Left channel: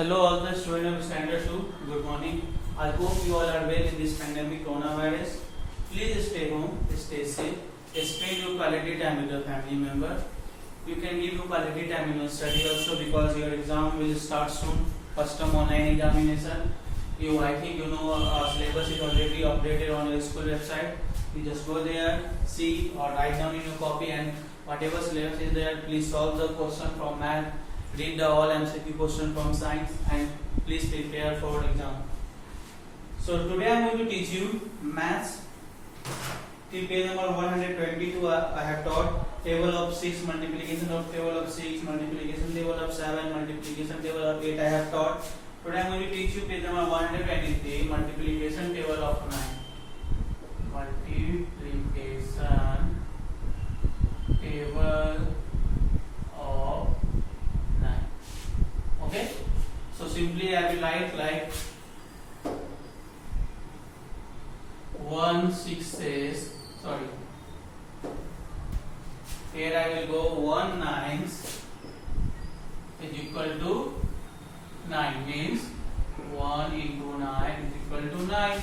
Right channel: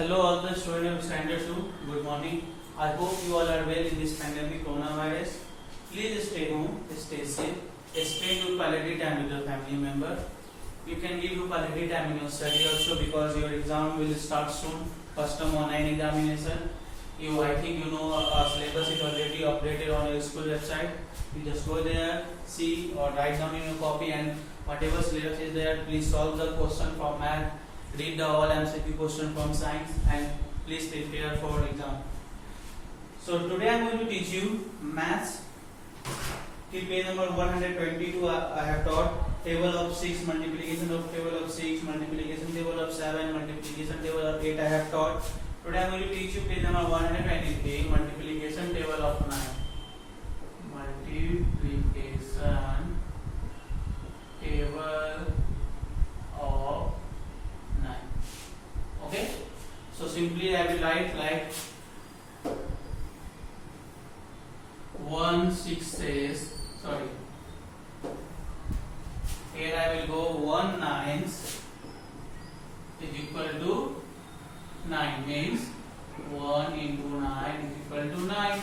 Hello all the students of standard 2. Good morning. I hope you all are well in this pandemic coronavirus. Please stay home, stay safe, spend your quality time with your family member. You can give your quality time in your study also because your exam will start soon. First term online examination. I think you know syllabus is already updated on your school website. You just go there, see or write down in your copy and whatever syllabus is there, please solve the question from math. Read the all MCQ question from science and please prepare for exam. So today I am going to teach you maths. Till page number 122 I have taught table of 6, multiplication of table of 6, multiplication table of 7, multiplication table of 8 I have taught. Today I am going to teach you page number 123, multiplication table of 9. Multiplication table of 9. Okay, so simply I will write like 1 6s, sorry, here I will go 1 9s is equal to 9, means 1 into 9 is equal to 9.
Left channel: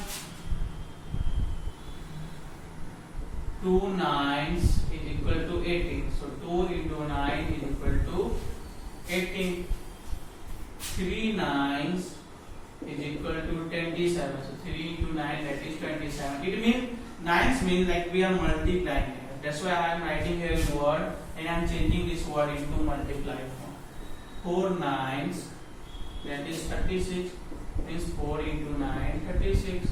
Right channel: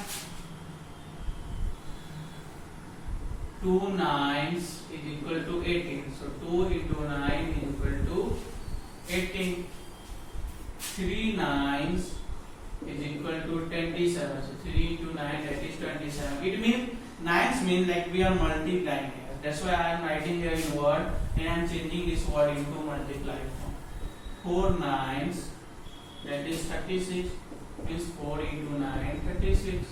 2 9s is equal to 18, so 2 into 9 is equal to 18. 3 9s is equal to 27, so 3 into 9 that is 27. It means 9s mean like we are multiplying here, that's why I am writing here in word and I am changing this word into multiplied form. 4 9s that is 36, means 4 into 9 36.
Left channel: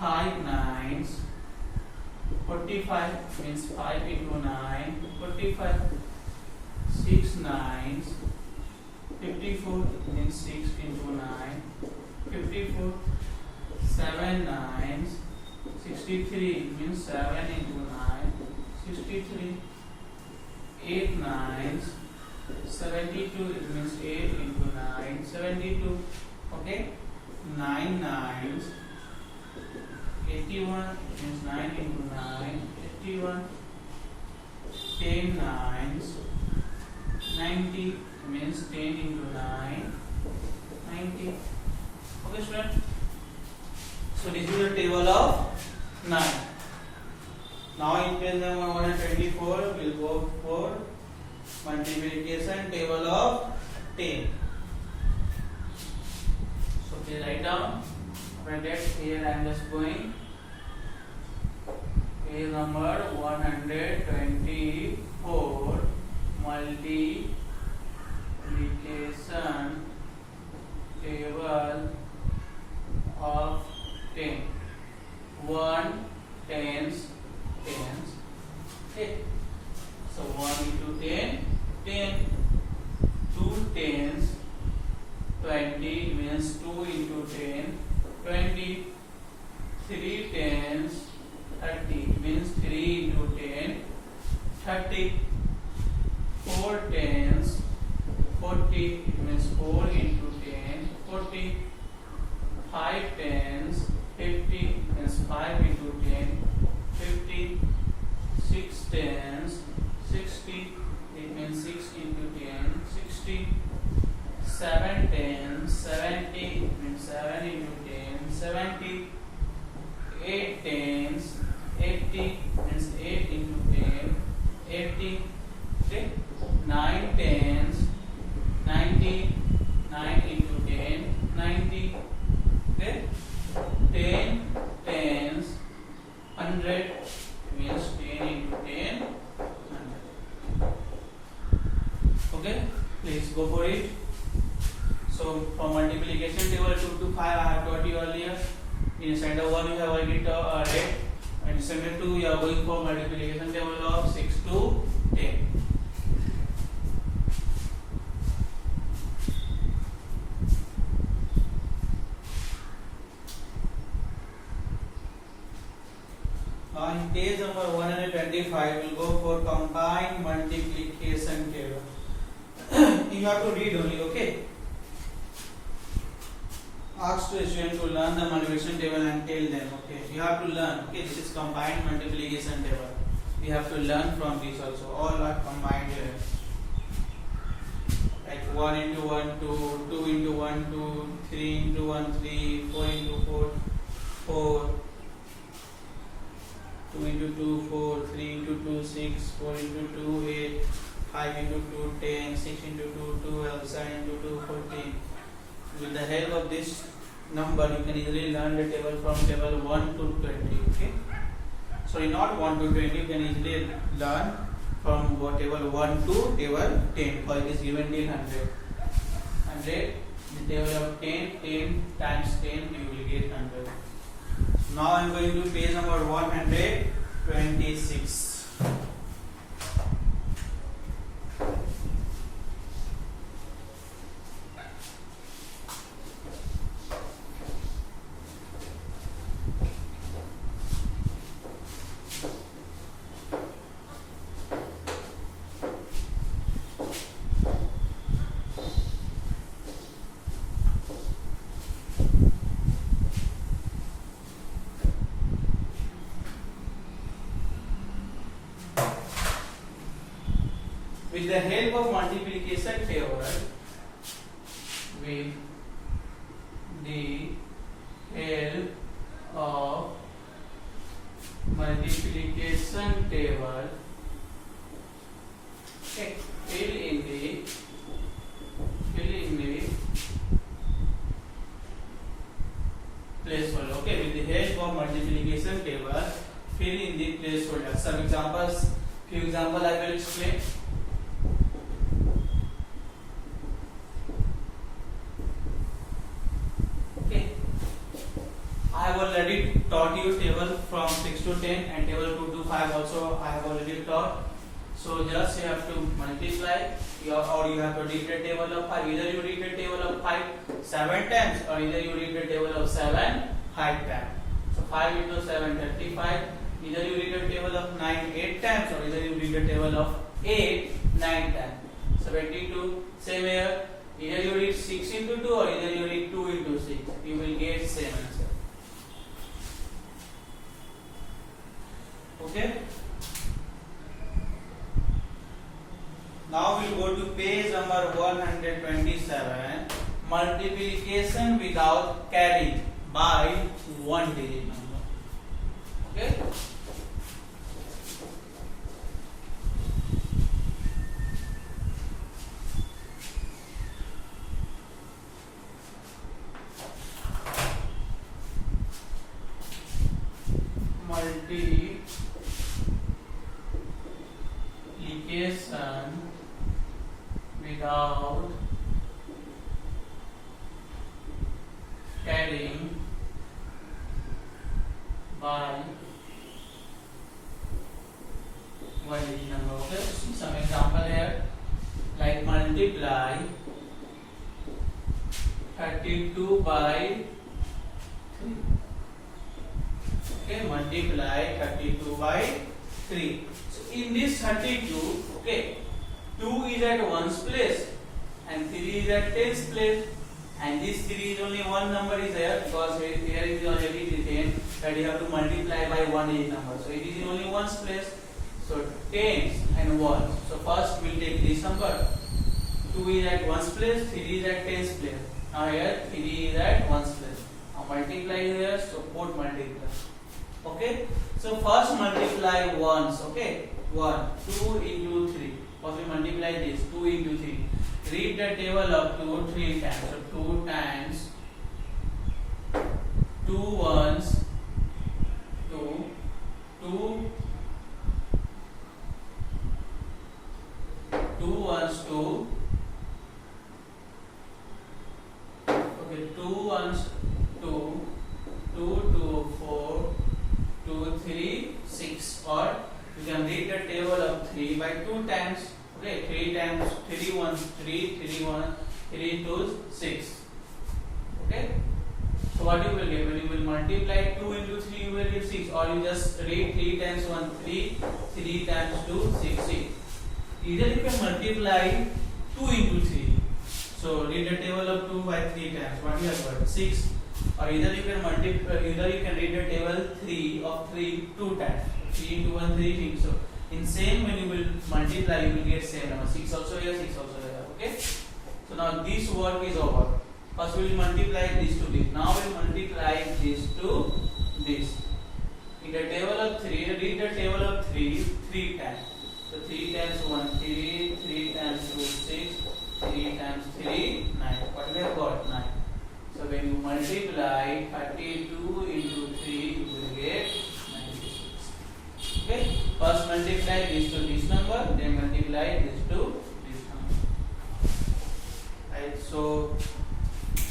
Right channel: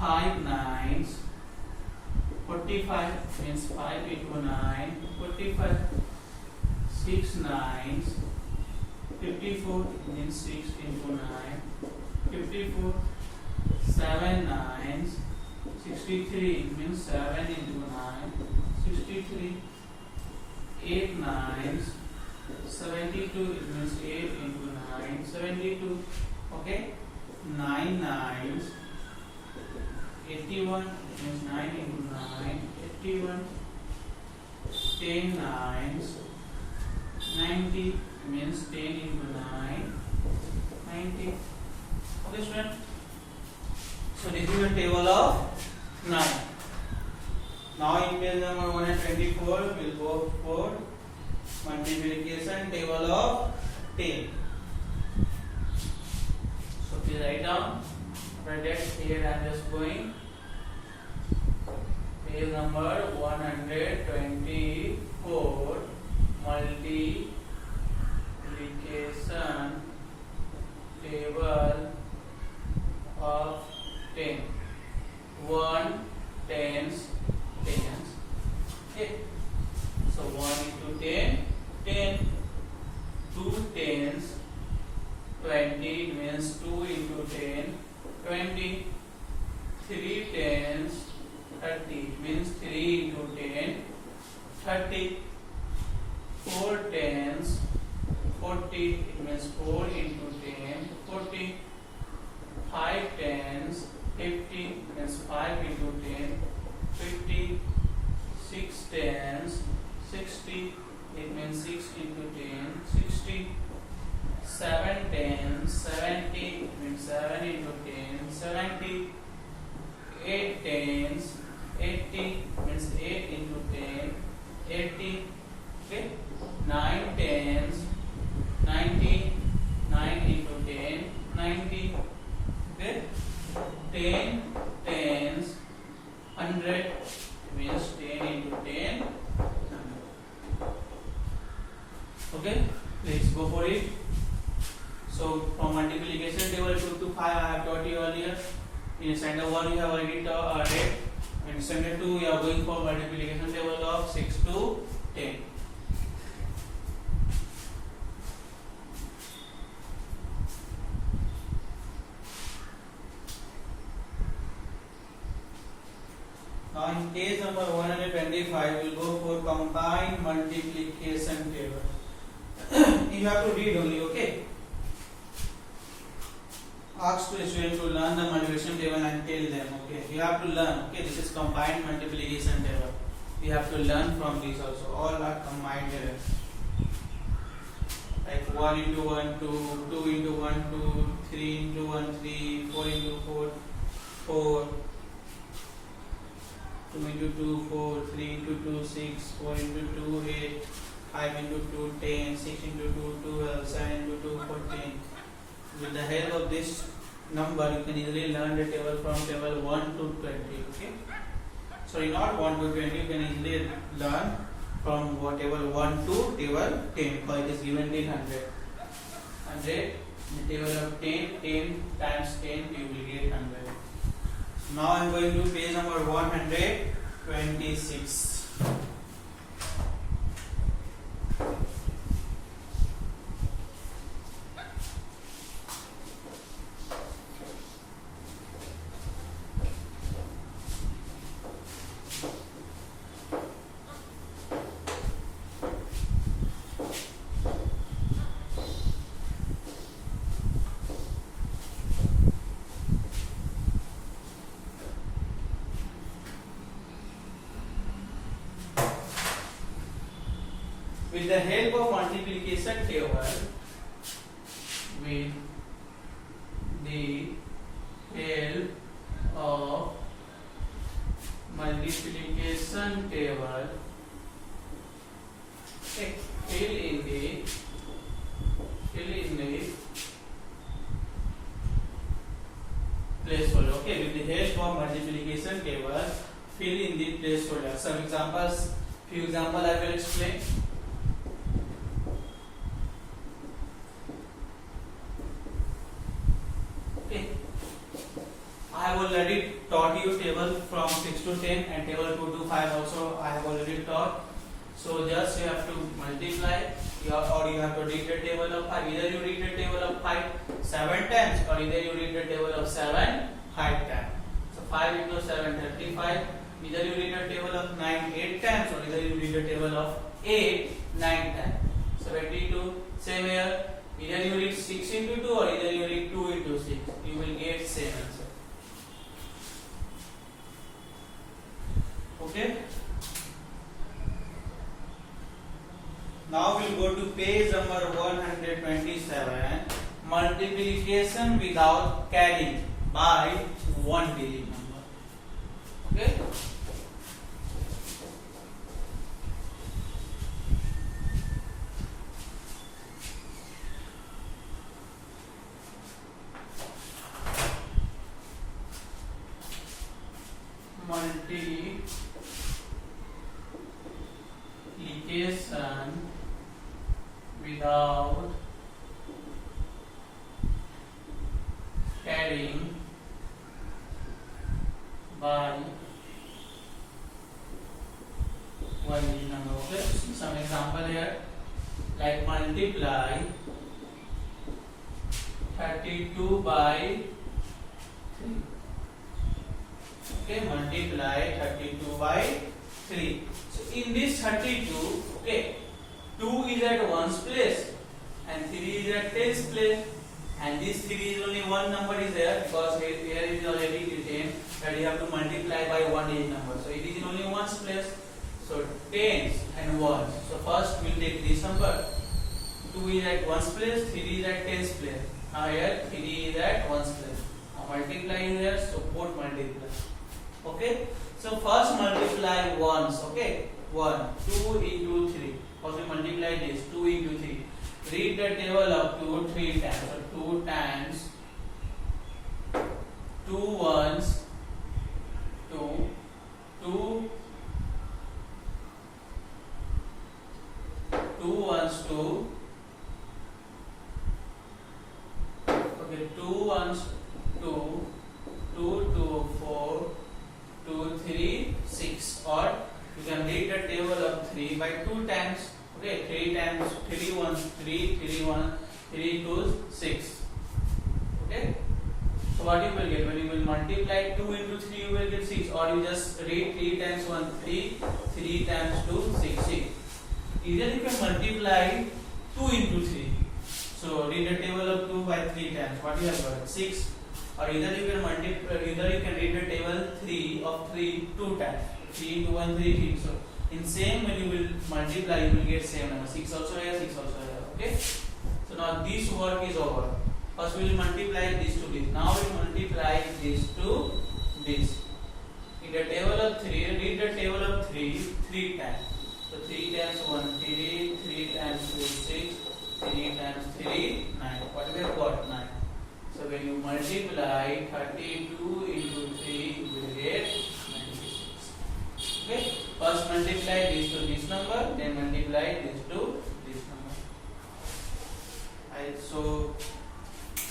5 9s 45, means 5 into 9 45. 6 9s 54, means 6 into 9 54. 7 9s 63, means 7 into 9 63. 8 9s 72, it means 8 into 9 72. Okay, 9 9s 81, means 9 into 9 81. 10 9s 90, means 10 into 9 90. Okay student, so this is the table of 9. Now in page number 124 we will go for multiplication table of 10. So please write down. After that here I am just going page number 124, multiplication table of 10. 1 tens tens. Okay. So 1 into 10 10. 2 tens 20, means 2 into 10 20. 3 tens 30, means 3 into 10 30. 4 tens 40, it means 4 into 10 40. 5 tens 50, means 5 into 10 50. 6 tens 60, it means 6 into 10 60. 7 tens 70, it means 7 into 10 70. 8 tens 80, means 8 into 10 80. Okay. 9 tens 90, 9 into 10 90. Okay. 10 tens 100, means 10 into 10 100. Okay, please go for it. So from multiplication table 2 to 5 I have taught you earlier. In standard 1 you have already read, and standard 2 you are going for multiplication table of 6 to 10. Now in page number 125 we will go for combined multiplication table. You have to read only, okay? Ask the student to learn the multiplication table and tell them, okay? You have to learn, okay? This is combined multiplication table. You have to learn from this also. All are combined here. Like 1 into 1 2, 2 into 1 2, 3 into 1 3, 4 into 4 4, 2 into 2 4, 3 into 2 6, 4 into 2 8, 5 into 2 10, 6 into 2 12, 7 into 2 14. With the help of this number you can easily learn the table from table 1 to 20. Okay, sorry, not 1 to 20, you can easily learn from table 1 to table 10, because it is given till 100. 100, the table of 10, 10 times 10 you will get 100. Now I am going to page number 126. With the help of multiplication table, with the help of multiplication table, okay, fill in the placeholder. Okay, with the help of multiplication table, fill in the placeholder. Some examples, few examples I will explain. I have already taught you table from 6 to 10 and table 2 to 5 also I have already taught. So just you have to multiply or you have to read the table of 5. Either you read the table of 5 7 times or either you read the table of 7 5 times. So 5 into 7 35. Either you read the table of 9 8 times or either you read the table of 8 9 times. 72. Same here. Either you read 6 into 2 or either you read 2 into 6. You will get same answer. Okay. Now we'll go to page number 127. Multiplication without carrying by one digit number. Okay. Multiplication without carrying by one digit number. Okay, some example here, like multiply 32 by 3. Okay, multiply 32 by 3. So in this 32, okay, 2 is at 1's place and 3 is at 10's place, and this 3 is only one number is there because here it is already written that you have to multiply by one digit number. So it is in only 1's place. So 10's and 1's. So first we will take this number. 2 is at 1's place, 3 is at 10's place. Now here 3 is at 1's place. Now multiply here, so both multiply. Okay, so first multiply ones. Okay, 1 2 into 3. First we multiply this 2 into 3. Read the table of 2 3 times. So 2 times 2 ones 2 2 2 ones 2. Okay, 2 ones 2 2 2 4 2 3 6, or you can read the table of 3 by 2 times. Okay, 3 times 3 1 3 3 1 3 2 6. Okay, so what you will get? Well, you will multiply 2 into 3, you will get 6, or you just read 3 times 1 3 3 times 2 6 6. Either you can multiply 2 into 3. So read the table of 2 by 3 times. What you have got? 6. Or either you can multiply, either you can read the table 3 of 3 2 times. 3 into 1 3 3. So in same when you will multiply, you will get same number. 6 also here, 6 also here. Okay. So this work is over. First we will multiply this to this. Now we will multiply this to this. In the table of 3, read the table of 3 times. So 3 times 1, 3, 3 times 2, 6, 3 times 3, 9. What we have got? 9. So when you multiply 32 into 3, you will get 96. Okay? First multiply this to this number, then multiply this to this number. Right? So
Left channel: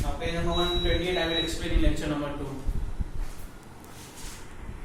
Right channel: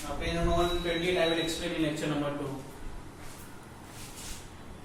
now page number 128 I will explain in lecture number 2.